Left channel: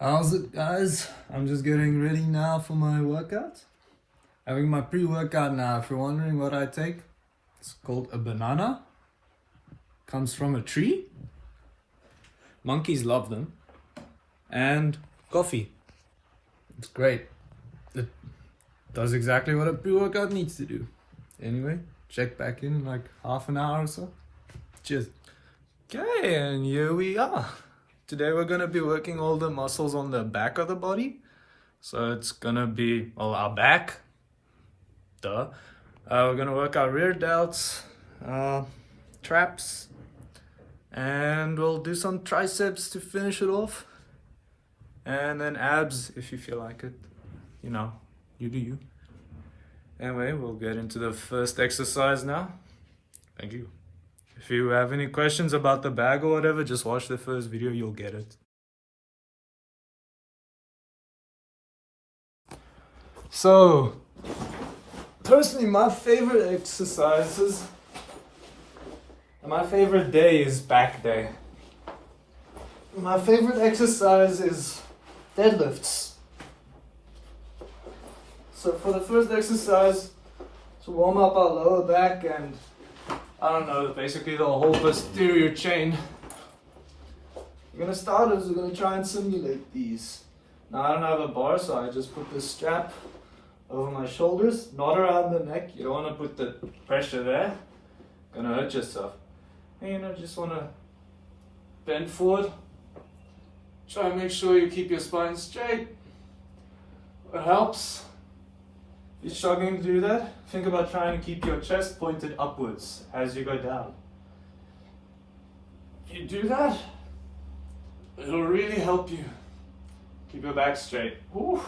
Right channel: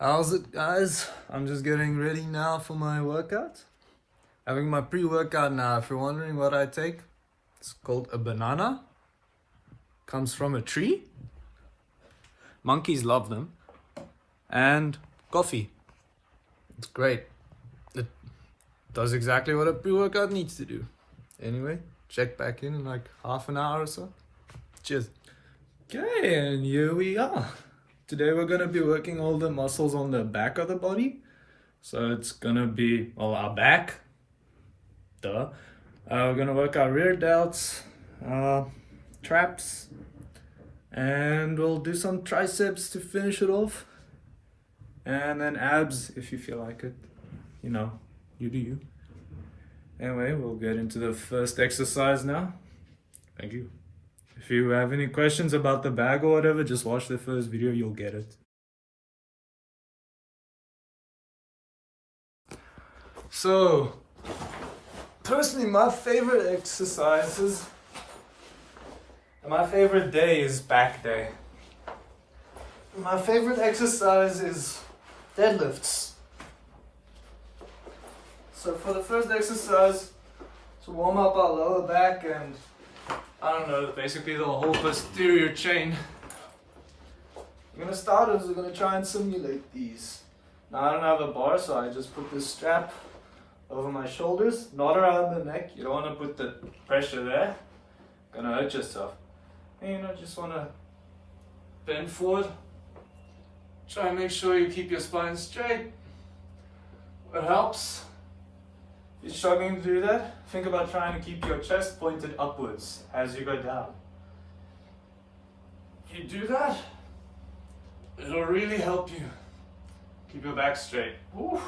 How's it, guys? I'm just getting ready now for my workout. Having my pre-workout now. If you're wondering what I take, it's called a banana. Comes from a tree. Monkeys love them. And coffee. It's great. It does exactly what a pre-workout needs to do. Anyway, check back in like half an hour or so. Cheers. Okay, and here we are. Today we're gonna be working all the muscles on the back of the body. So it's gonna be, well, our back. Duh. We're gonna work our rear delts, traps, and we'll do some triceps to finish it off. And then abs if you feel like it. You know, you do you. Anyway, we'll get into the first exercise now. Thank you. If you have any questions about the bag or whatever, just watch the first video, you'll get it. So, personally, my favorite exercises, and my favorite day is back day. My favorite exercise is deadlifts. So for the first exercise, to warm up our lower back and I don't know, basically the whole posterior chain. We're gonna start is we're gonna try and simulate these. Now I don't have a bar, so I just put this strap over my shoulders, not around the neck. You don't wanna put the pressure there. Gonna hurt yourself. And you know, just wanna bend forward. Try and make sure you keep your spine straight. What helps? You're struggling to do that? Think about trying to keep your chest pointed upwards as you go down. If you do that, it'll really help you keep your back straight. Oof.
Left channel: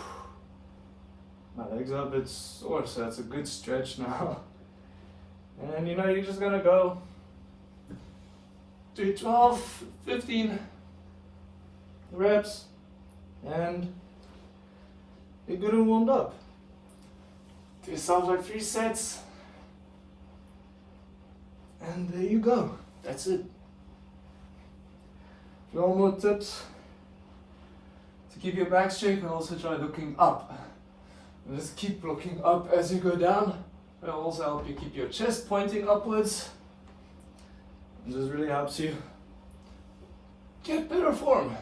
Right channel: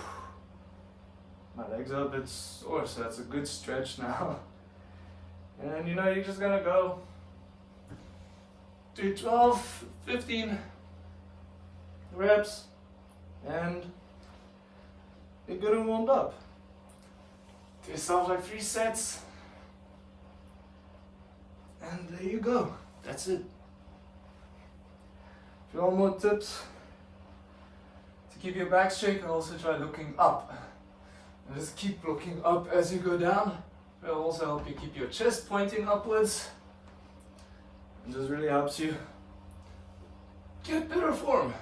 My legs are a bit sore, so that's a good stretch now. And you know, you're just gonna go do 12, 15 reps and you're good and warmed up. Do yourself like 3 sets. And there you go. That's it. If you want more tips to keep your back straight, you can also try looking up. And just keep looking up as you go down. It'll also help you keep your chest pointing upwards. It just really helps you get better form.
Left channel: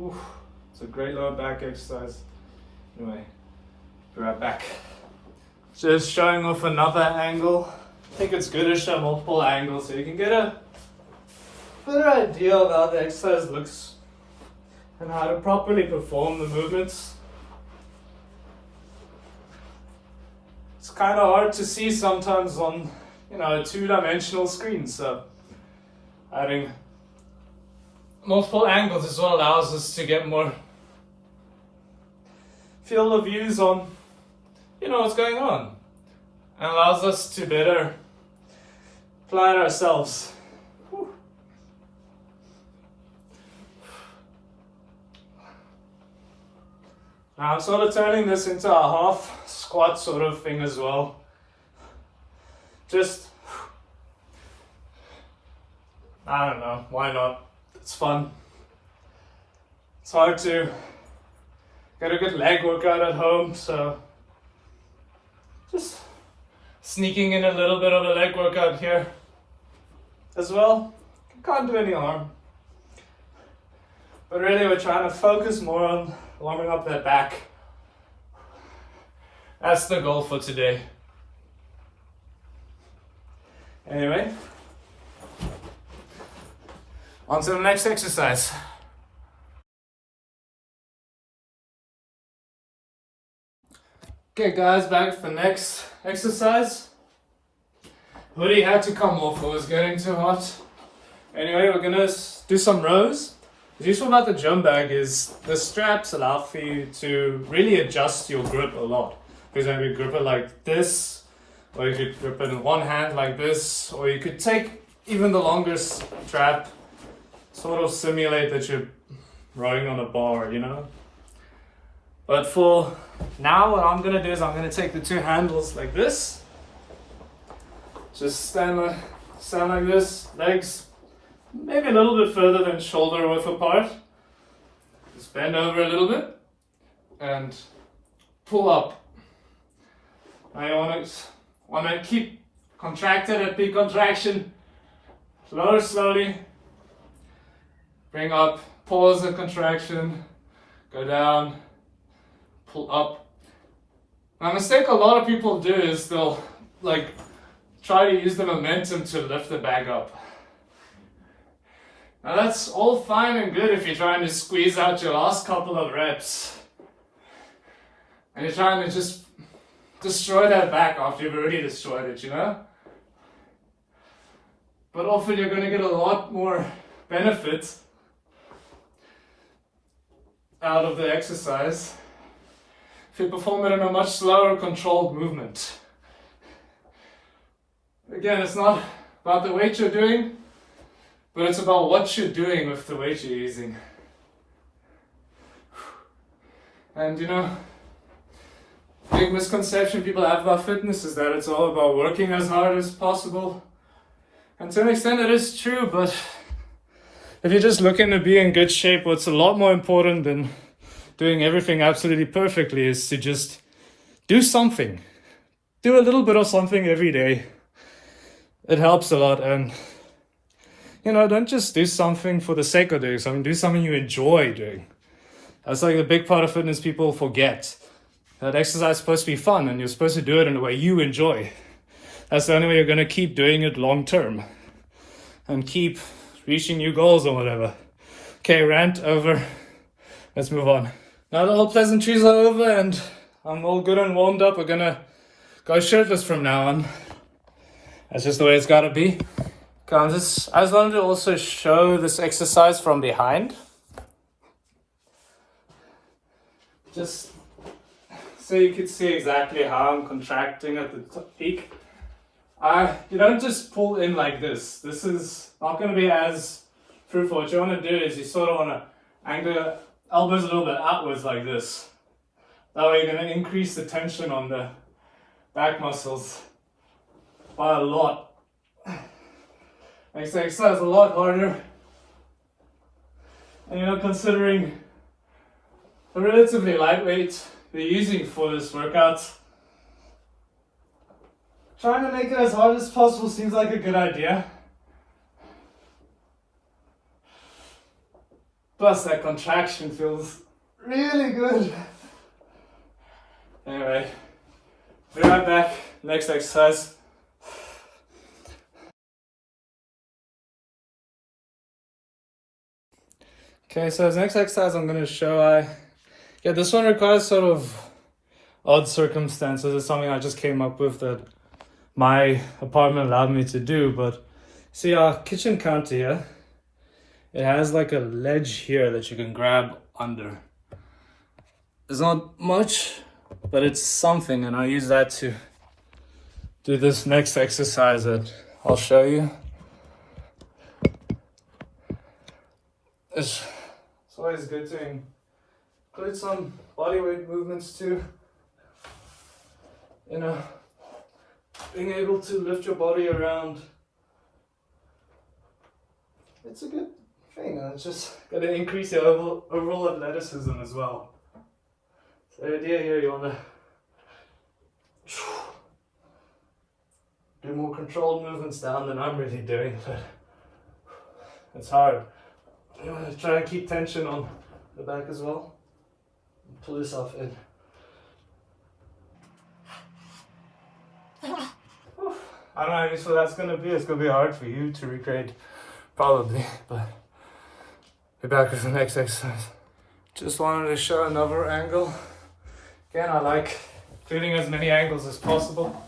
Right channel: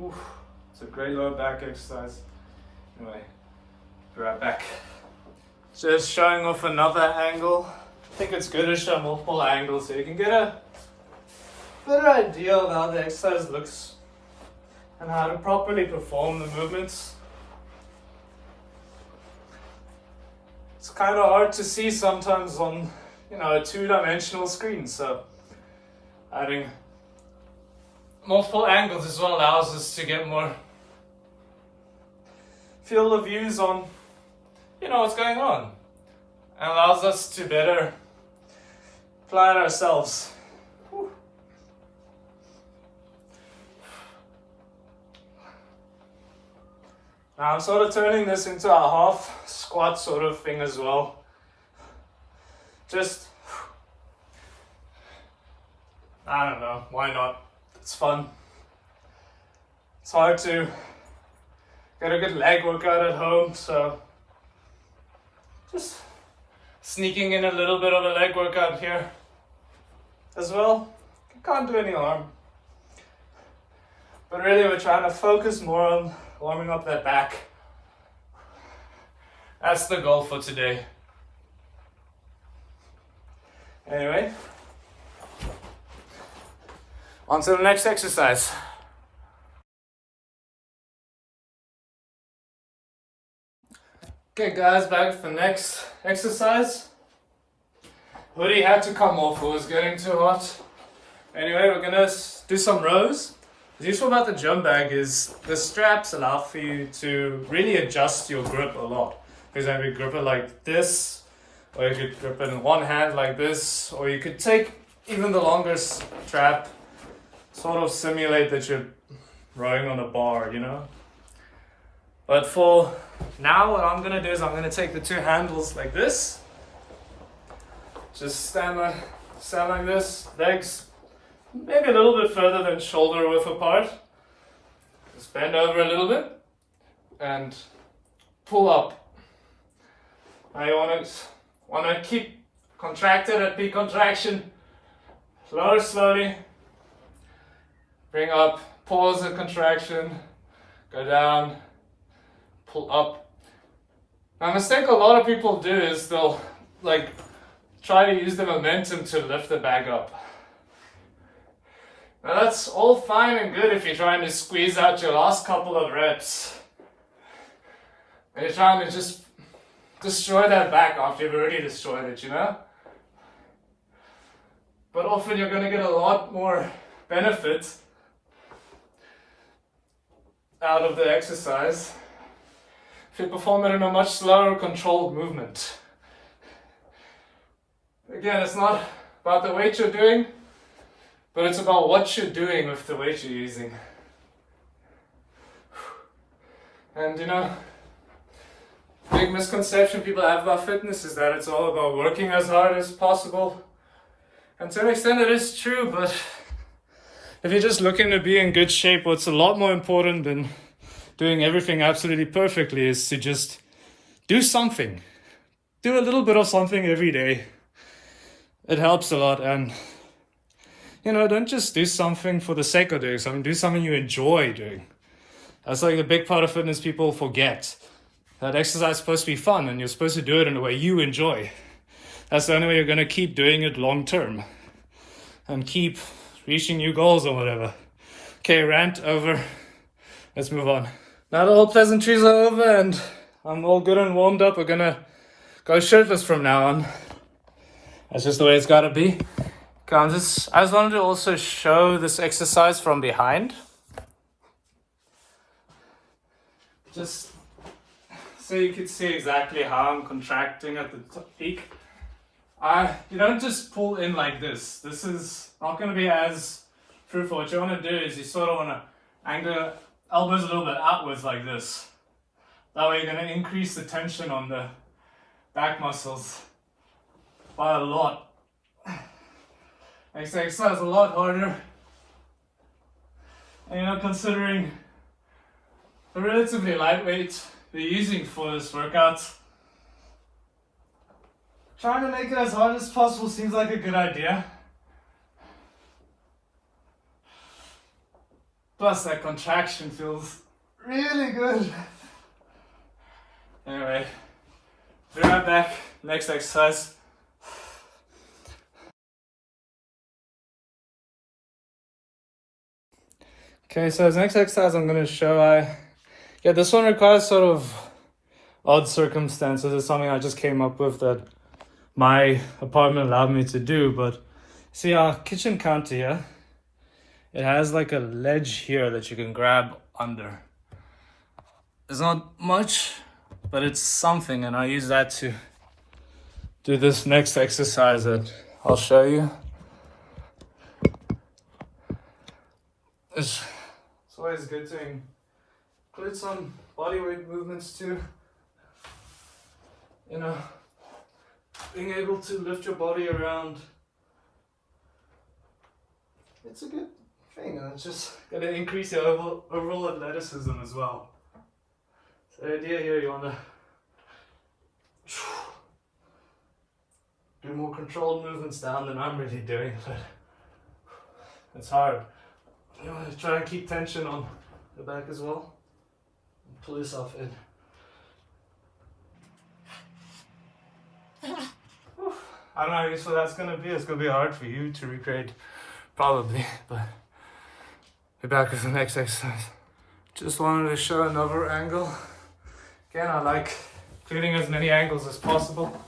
Oof. It's a great lower back exercise. Anyway. Be right back. Just showing off another angle. I think it's good to show multiple angles so you can get a better idea of how the exercise looks and how to properly perform the movements. It's kind of hard to see sometimes on, you know, a 2-dimensional screen, so adding multiple angles as well allows us to get more field of views on, you know, what's going on, and allows us to better plan ourselves. Whew. Now I'm sort of turning this into a half squat sort of thing as well. Just, I don't know, why not? It's fun. It's hard to get a good leg workout at home, so just sneaking in a little bit of a leg workout here as well. Can't do any harm. But really we're trying to focus more on warming up that back. That's the goal for today. Anyway, on to the next exercise. Okay guys, back to the next exercise. Hoodie had to come off, it was getting too hot. Anyway, we're gonna do some rows. What's useful about the gym bag is the straps allow for you to really adjust your grip a lot. For example, you grip it like this, or you could grip it in one hand like this, or you could take even the longer strap, sort of simulate that you're rowing on a bar, you know? But for now, what I'm gonna do is I'm gonna take the 2 handles like this. Just stand like this, legs maybe a little bit further than shoulder width apart. Just bend over a little bit and pull up. Now you want to keep contracted at peak contraction. Lower slowly. Bring up, pause the contraction, go down, pull up. Now, a mistake a lot of people do is they'll like try to use the momentum to lift the bag up. Now that's all fine and good if you're trying to squeeze out your last couple of reps. And you're trying to just destroy that back after you've already destroyed it, you know? But often you're going to get a lot more benefit out of the exercise if you perform it in a much slower, controlled movement. Again, it's not about the weight you're doing, but it's about what you're doing with the weight you're using. And you know, big misconception people have about fitness is that it's all about working as hard as possible. And to an extent it is true, but if you're just looking to be in good shape, what's a lot more important than doing everything absolutely perfectly is to just do something. Do a little bit of something every day. It helps a lot. And, you know, don't just do something for the sake of doing something. Do something you enjoy doing. That's like the big part of fitness people forget. That exercise is supposed to be fun and you're supposed to do it in a way you enjoy. That's the only way you're going to keep doing it long term. And keep reaching new goals or whatever. Okay, rant over. Let's move on. Now that all pleasantries are over and I'm all good and warmed up, we're gonna go shirtless from now on. That's just the way it's gotta be. Okay, I just wanted to also show this exercise from behind. Just so you can see exactly how I'm contracting at the peak. You don't just pull in like this. This is not going to be as fruitful. What you want to do is you sort of want to angle elbows a little bit outwards like this. That way you're going to increase the tension on the back muscles by a lot. Makes the exercise a lot harder. And you're not considering the relatively lightweight you're using for this workout. Trying to make it as hard as possible seems like a good idea. Plus that contraction feels really good. Anyway, be right back. Next exercise. Okay, so the next exercise I'm going to show, this one requires sort of odd circumstances. It's something I just came up with that my apartment allowed me to do, but see our kitchen counter here, it has like a ledge here that you can grab under. It's not much, but it's something, and I use that to do this next exercise that I'll show you. It's always good to include some body weight movements too. You know, being able to lift your body around, it's a good thing. It's just going to increase your overall athleticism as well. So the idea here, you want to do more controlled movements down than I'm really doing, but it's hard. You want to try and keep tension on the back as well. Pull yourself in. I don't know how useful that's going to be. It's going to be hard for you to recreate, probably, but be back with the next exercise. Just wanted to show another angle. Again, I like including as many angles as possible.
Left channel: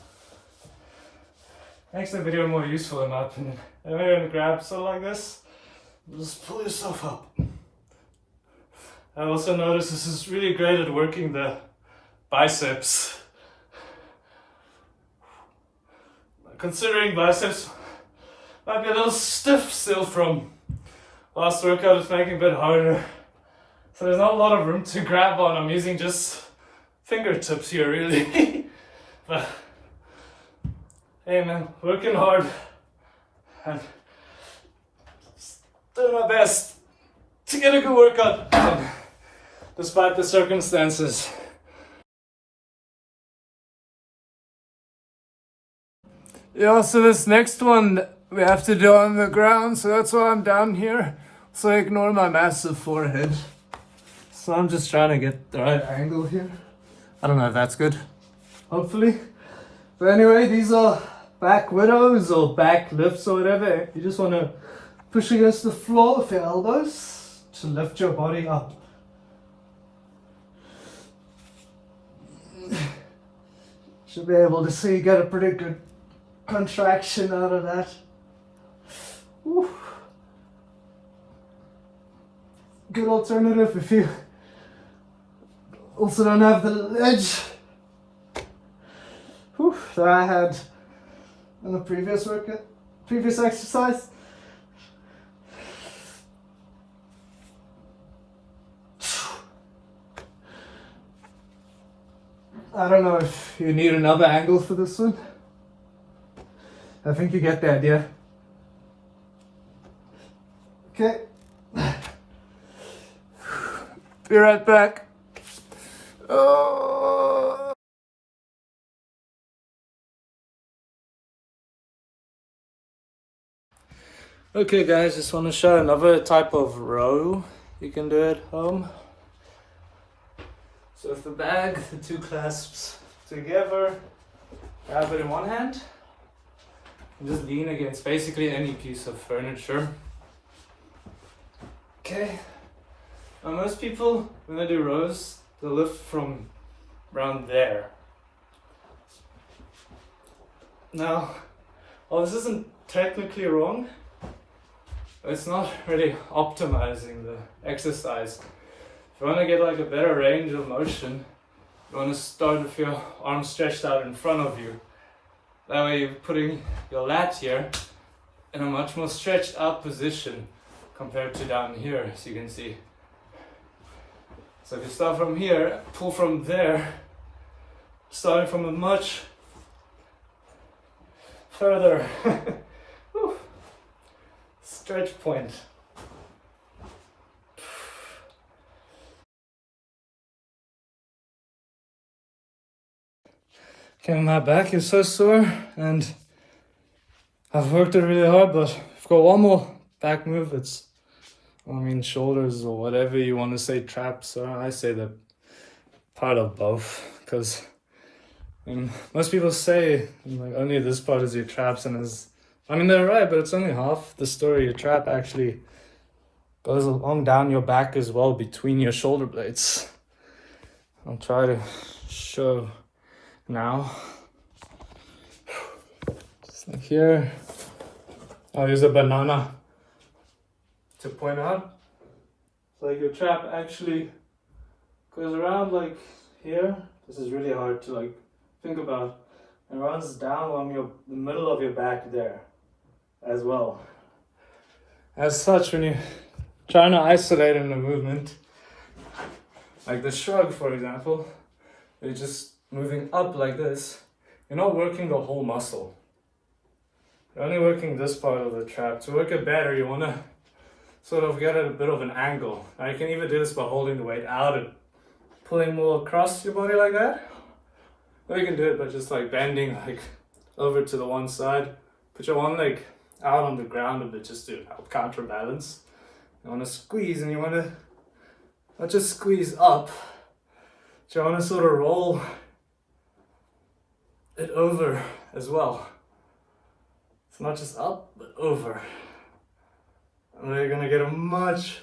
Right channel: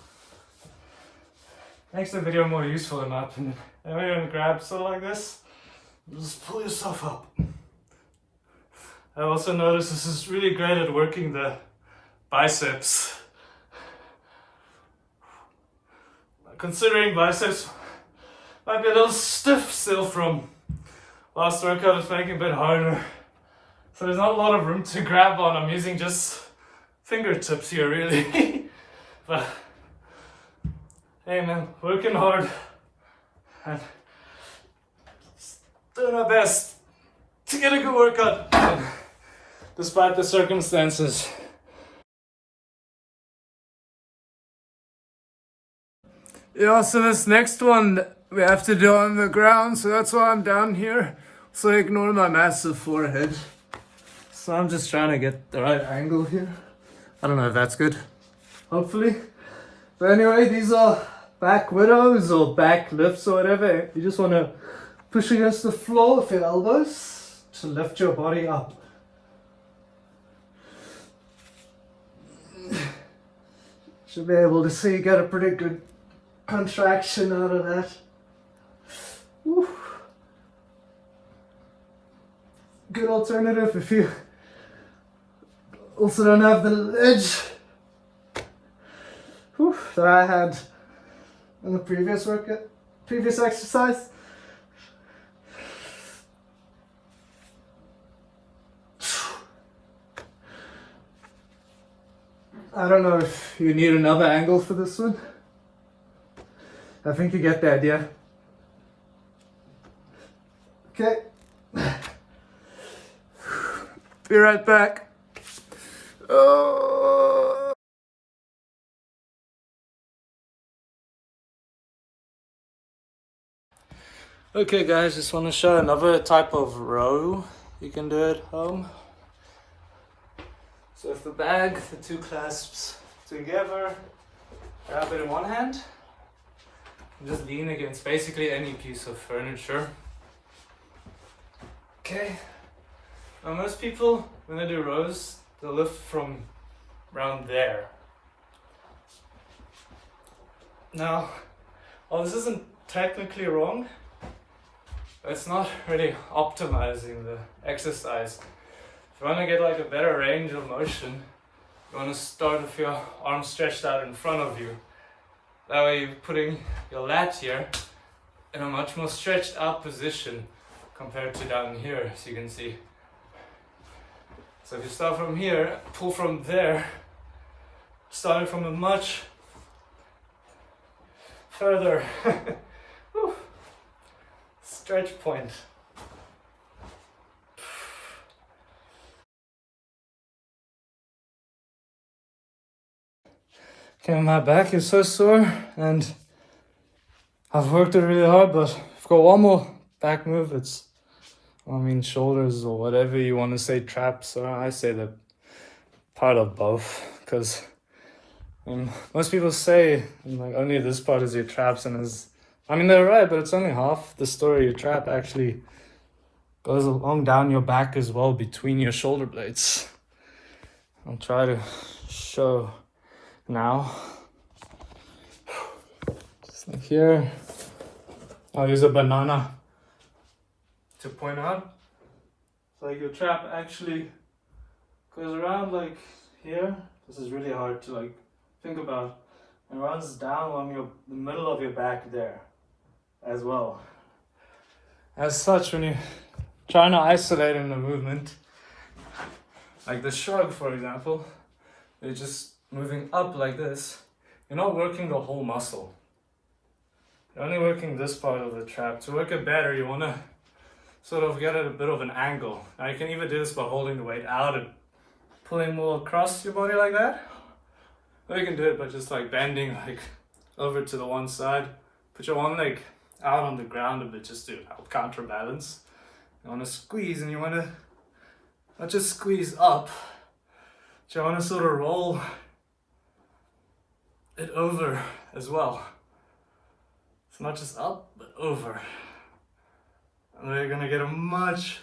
Makes the video more useful in my opinion. And when you're going to grab something like this, just pull yourself up. I also noticed this is really great at working the biceps. Considering biceps might be a little stiff still from last workout, it's making it a bit harder. So there's not a lot of room to grab on. I'm using just fingertips here really. But hey man, working hard and doing our best to get a good workout done, despite the circumstances. Yeah, so this next one we have to do on the ground, so that's why I'm down here. So ignore my massive forehead. So I'm just trying to get the right angle here. I don't know if that's good. Hopefully. But anyway, these are back widows or back lifts or whatever. You just want to push against the floor with your elbows to lift your body up. Should be able to see, get a pretty good contraction out of that. Woo. Good alternative if you also don't have the ledge that I had in the previous workout, previous exercise. I don't know if you need another angle for this one. I think you get the idea. Okay. Be right back. Oh. Okay guys, just want to show another type of row you can do at home. So with the bag, the two clasps together, grab it in one hand, and just lean against basically any piece of furniture. Okay. Now most people, when they do rows, they'll lift from around there. Now, while this isn't technically wrong, it's not really optimizing the exercise. If you want to get like a better range of motion, you want to start with your arms stretched out in front of you. That way you're putting your lat here in a much more stretched out position compared to down here, as you can see. So if you start from here, pull from there, starting from a much further stretch point. Okay, my back is so sore and I've worked it really hard, but I've got one more back move. It's, shoulders or whatever you want to say, traps, or I say that part of both, because most people say like only this part is your traps, and they're right, but it's only half the story. Your trap actually goes along down your back as well, between your shoulder blades. I'll try to show now. So here, I'll use a banana to point out. So like your trap actually goes around like here. This is really hard to like think about. And runs down on the middle of your back there as well. As such, when you're trying to isolate in the movement, like the shrug for example, you're just moving up like this. You're not working the whole muscle. You're only working this part of the trap. To work it better, you want to sort of get at a bit of an angle. Now you can either do this by holding the weight out and pulling more across your body like that, or you can do it by just like bending like over to the one side. Put your one leg out on the ground a bit just to help counterbalance. You want to squeeze, and you want to not just squeeze up, but you want to sort of roll it over as well. It's not just up, but over. And then you're gonna get a much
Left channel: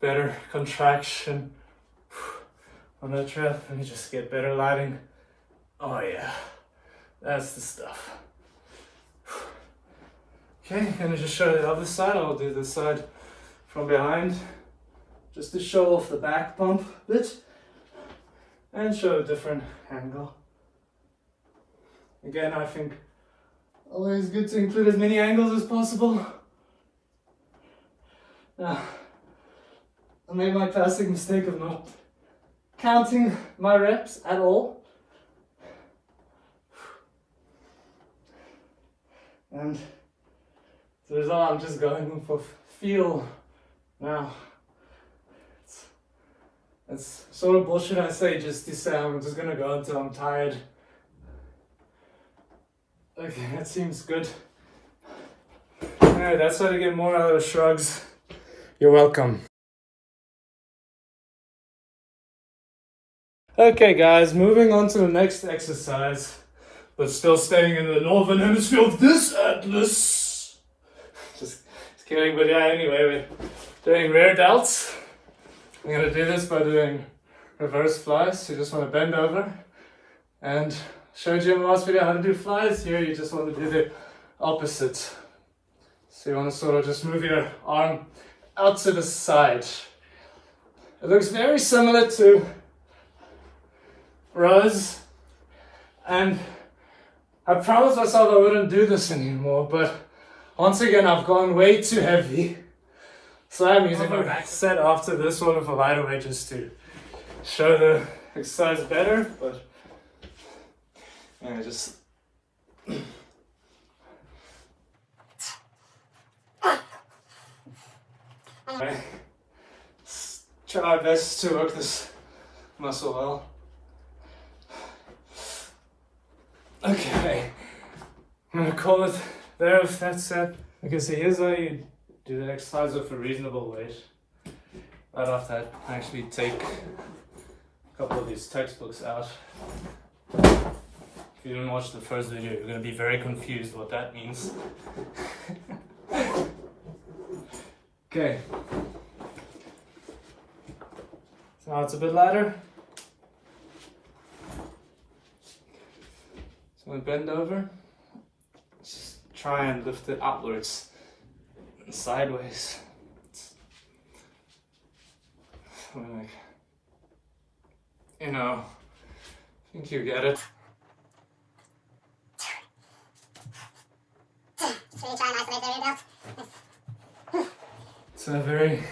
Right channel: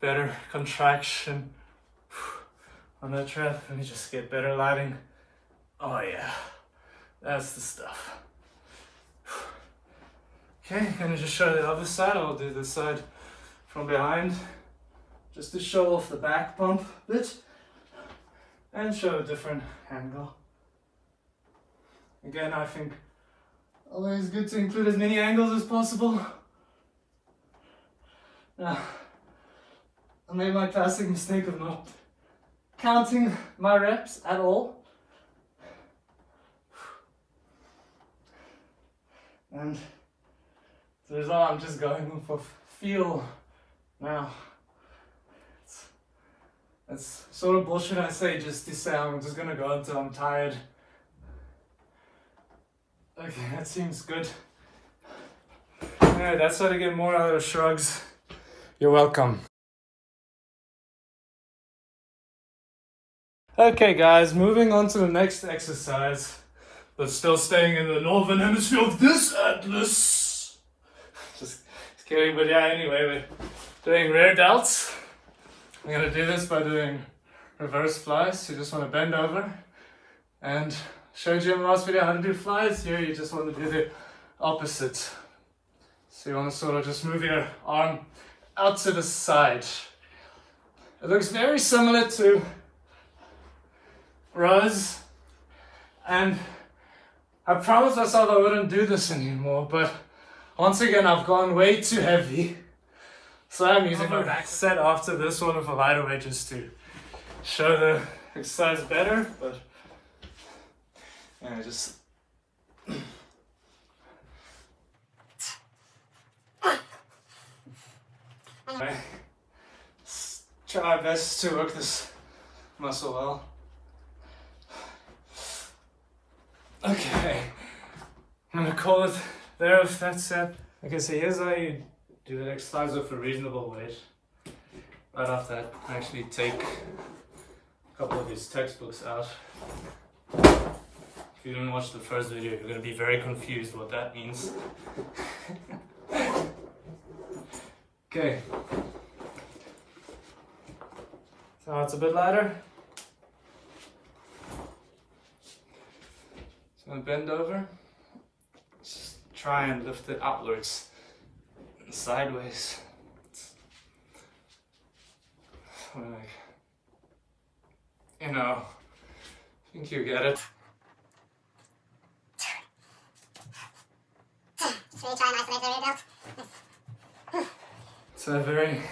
better contraction on that trap. Let me just get better lighting. Oh yeah, that's the stuff. Okay, I'm gonna just show the other side. I'll do this side from behind, just to show off the back pump a bit and show a different angle. Again, I think always good to include as many angles as possible. Now, I made my classic mistake of not counting my reps at all. And so as I'm just going for feel now. It's sort of bullshit I say just to say I'm just gonna go until I'm tired. Okay, that seems good. Alright, that's how to get more out of shrugs. You're welcome. Okay guys, moving on to the next exercise, but still staying in the northern hemisphere of this atlas. Just kidding, but yeah, anyway, we're doing rear delts. I'm gonna do this by doing reverse flies. You just wanna bend over, and showed you in the last video how to do flies. Here you just want to do the opposite. So you want to sort of just move your arm out to the side. It looks very similar to rows, and I promised myself I wouldn't do this anymore, but once again I've gone way too heavy. So I'm using my back set after this one with a lighter weight just to show the exercise better, but I just try my best to work this muscle well. Okay, I'm gonna call it there with that set. Okay, so here's how you do the exercise with a reasonable weight. Right off that, actually take a couple of these textbooks out. If you didn't watch the first video, you're gonna be very confused what that means. Okay. So now it's a bit lighter. So I'm bend over. Just try and lift it outwards and sideways. Like, you know, I think you get it. It's a very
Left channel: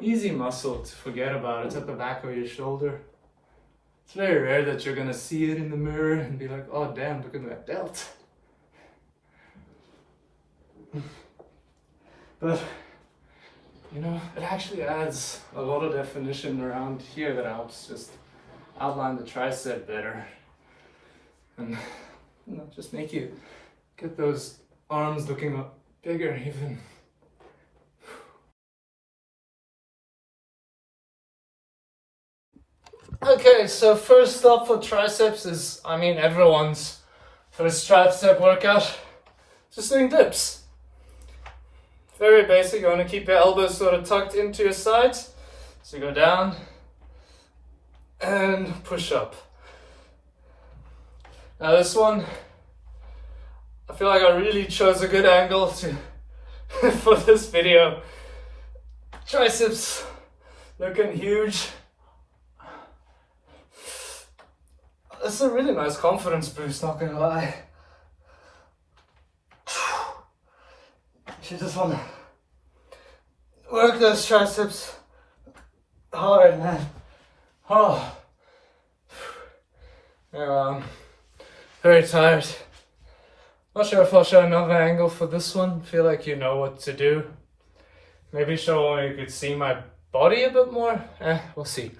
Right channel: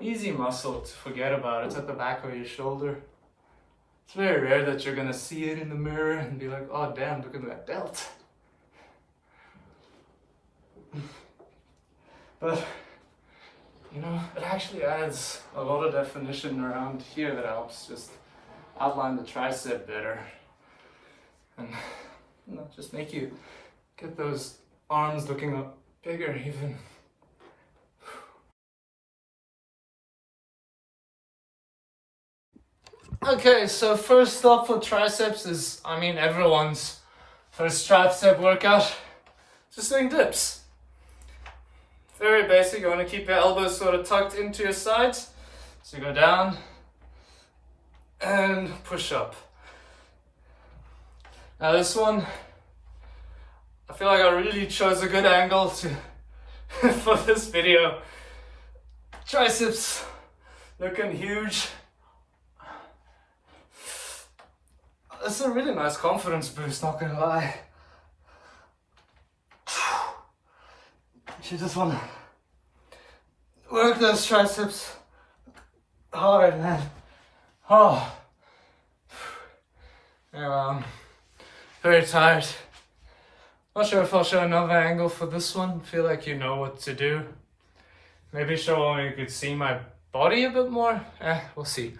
easy muscle to forget about. It's at the back of your shoulder. It's very rare that you're gonna see it in the mirror and be like, oh damn, look at that delt. But, you know, it actually adds a lot of definition around here that helps just outline the tricep better. And, you know, just make you get those arms looking bigger even. Okay, so first stop for triceps is, everyone's first tricep workout. Just doing dips. Very basic. You want to keep your elbows sort of tucked into your sides. So you go down and push up. Now this one, I feel like I really chose a good angle to for this video. Triceps looking huge. It's a really nice confidence boost, not gonna lie. You just wanna work those triceps hard, man. Oh. Anyway, I'm very tired. Not sure if I'll show another angle for this one. Feel like you know what to do. Maybe show when you could see my body a bit more. We'll see.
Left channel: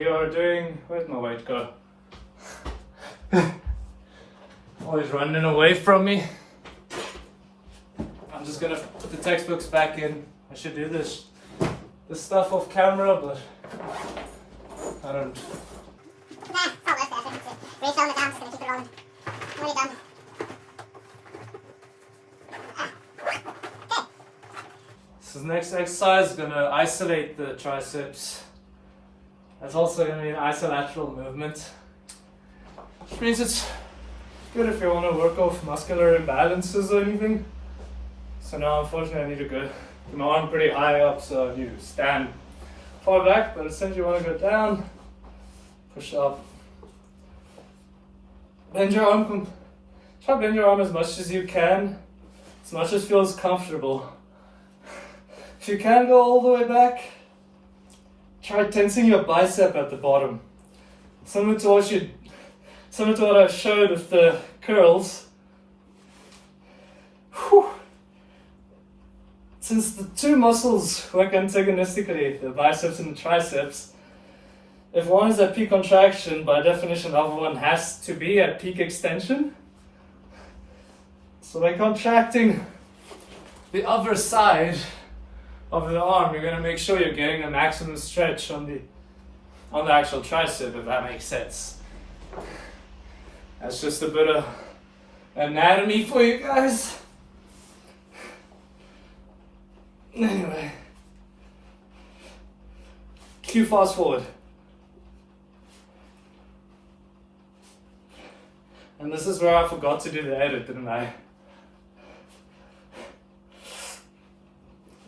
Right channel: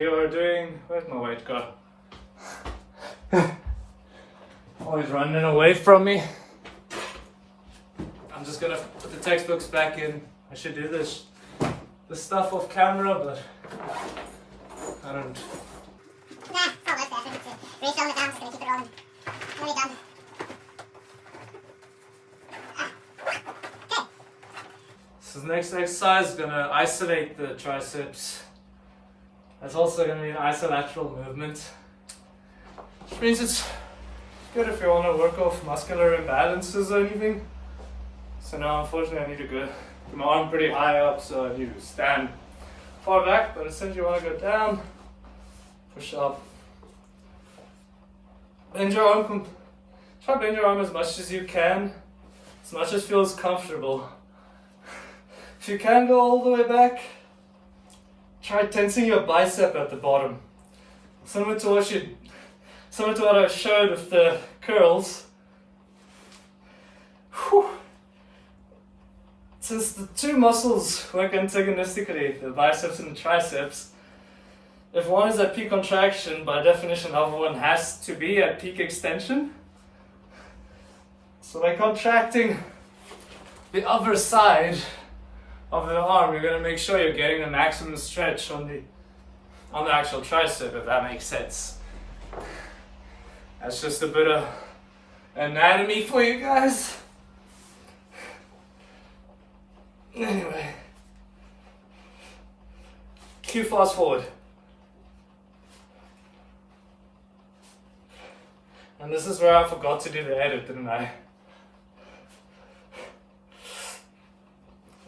We are doing, where's my weight go? Always running away from me. I'm just gonna put the textbooks back in. I should do this stuff off camera, but I don't. Refilm it down, just gonna keep it rolling. Nearly done. Okay. So the next exercise is gonna isolate the triceps. That's also gonna be an isolateral movement, which means it's good if you want to work off muscular imbalances or anything. So now unfortunately I need to go keep my arm pretty high up, so you stand far back, but essentially you want to go down, push up, bend your arm, try to bend your arm as much as you can, as much as feels comfortable. If you can go all the way back, try tensing your bicep at the bottom. Similar to what I showed with the curls. Whew. Since the two muscles work antagonistically, the biceps and the triceps, if one is at peak contraction, by definition, the other one has to be at peak extension. So by contracting the other side of the arm, you're going to make sure you're getting the maximum stretch on the actual tricep, if that makes sense. That's just a bit of anatomy for you guys. Anyway, cue fast forward. And this is where I forgot to do the edit, didn't I?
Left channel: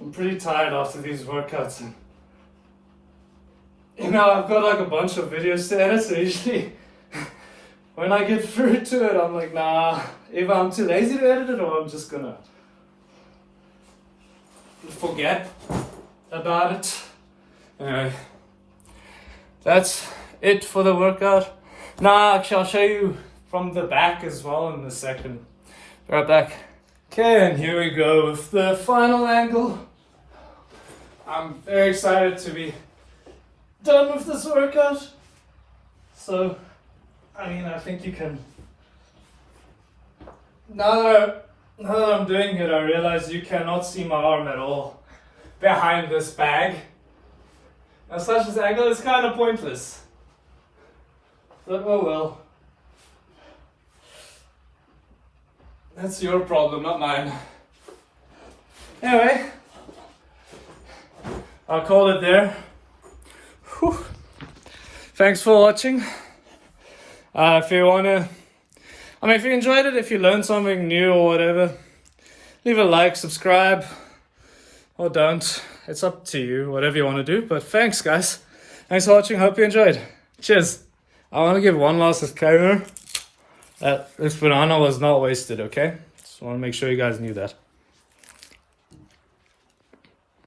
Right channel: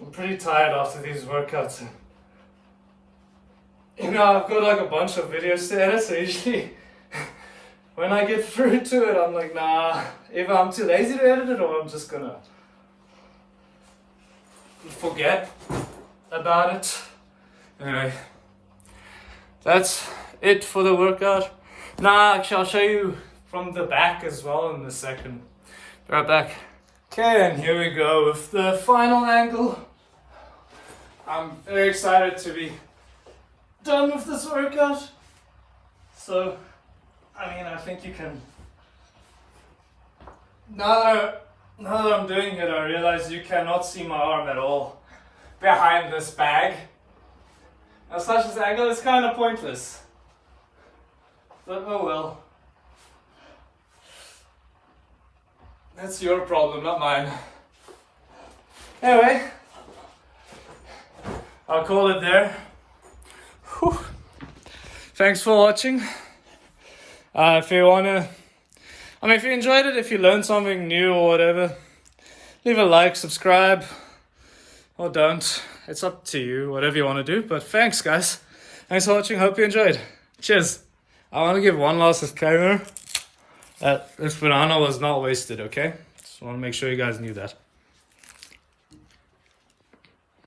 I'm pretty tired after these workouts. You know, I've got like a bunch of videos to edit, so usually when I get through to it, I'm like, nah, either I'm too lazy to edit it or I'm just gonna forget about it. Anyway, that's it for the workout. Nah, actually, I'll show you from the back as well in a second. Be right back. Okay, and here we go with the final angle. I'm very excited to be done with this workout. So, I mean, I think you can. Now that I'm doing it, I realize you cannot see my arm at all behind this bag. Now, such this angle is kind of pointless. But oh well. That's your problem, not mine. Anyway, I'll call it there. Whew. Thanks for watching. If you if you enjoyed it, if you learned something new or whatever, leave a like, subscribe, or don't. It's up to you, whatever you want to do. But thanks, guys. Thanks for watching. Hope you enjoyed. Cheers. I want to give one last disclaimer that this banana was not wasted, okay? Just want to make sure you guys knew that.